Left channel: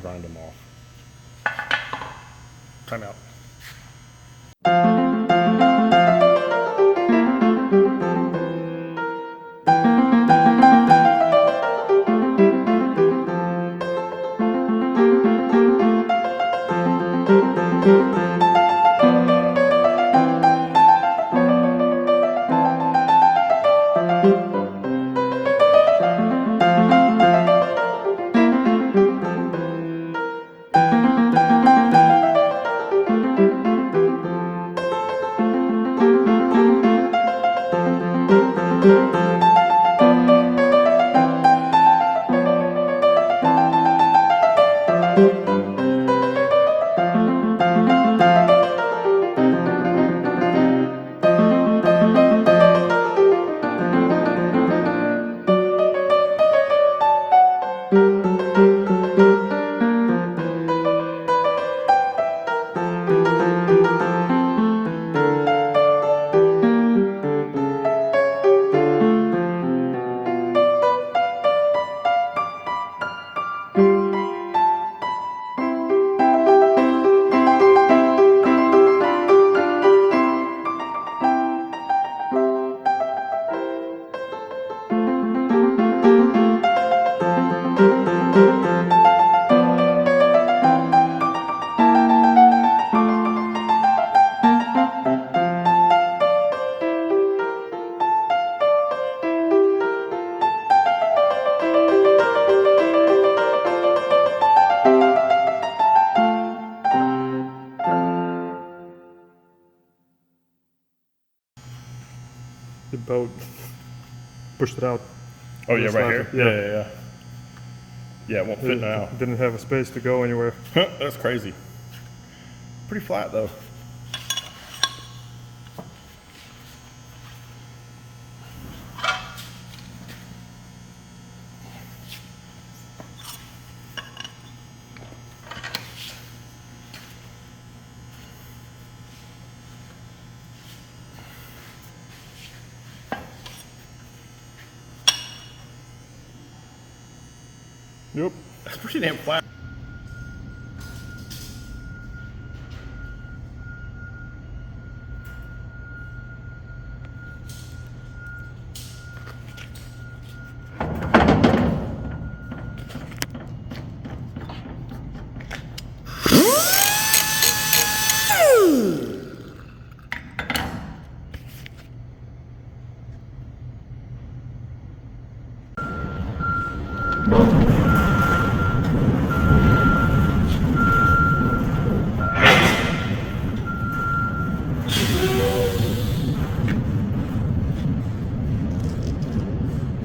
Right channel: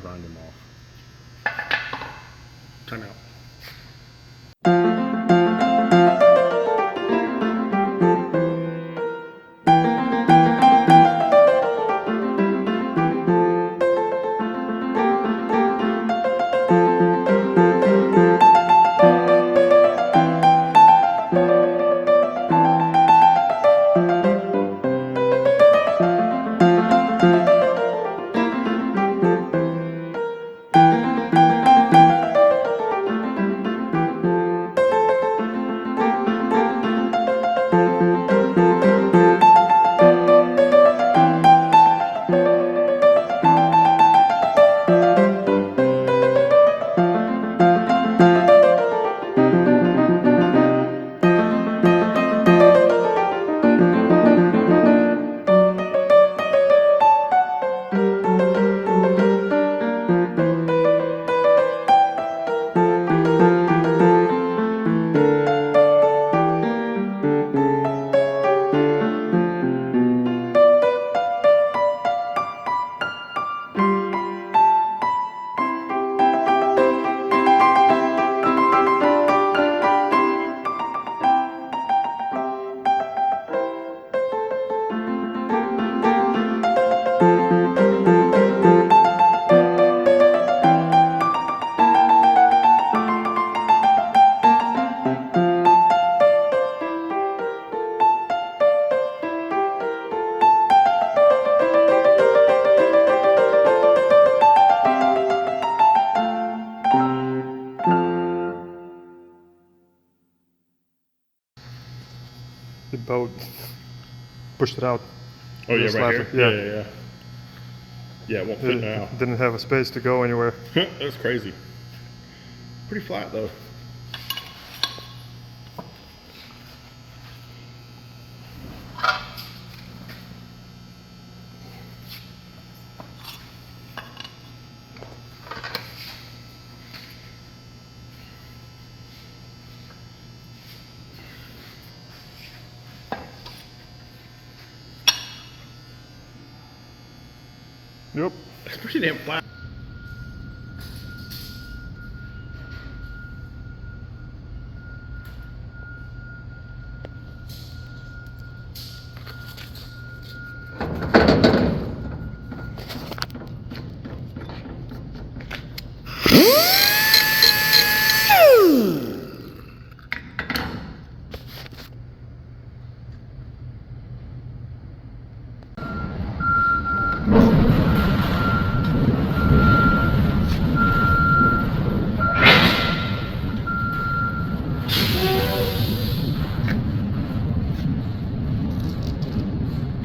grind them off. Time out. The boat pushed it out. Oh yeah, Just right like- here. yeah. Yeah. Yeah, it won't fit now. It didn't have a space to go anywhere. That's crazy. Pretty flat though. Yep. It's pretty damn flat.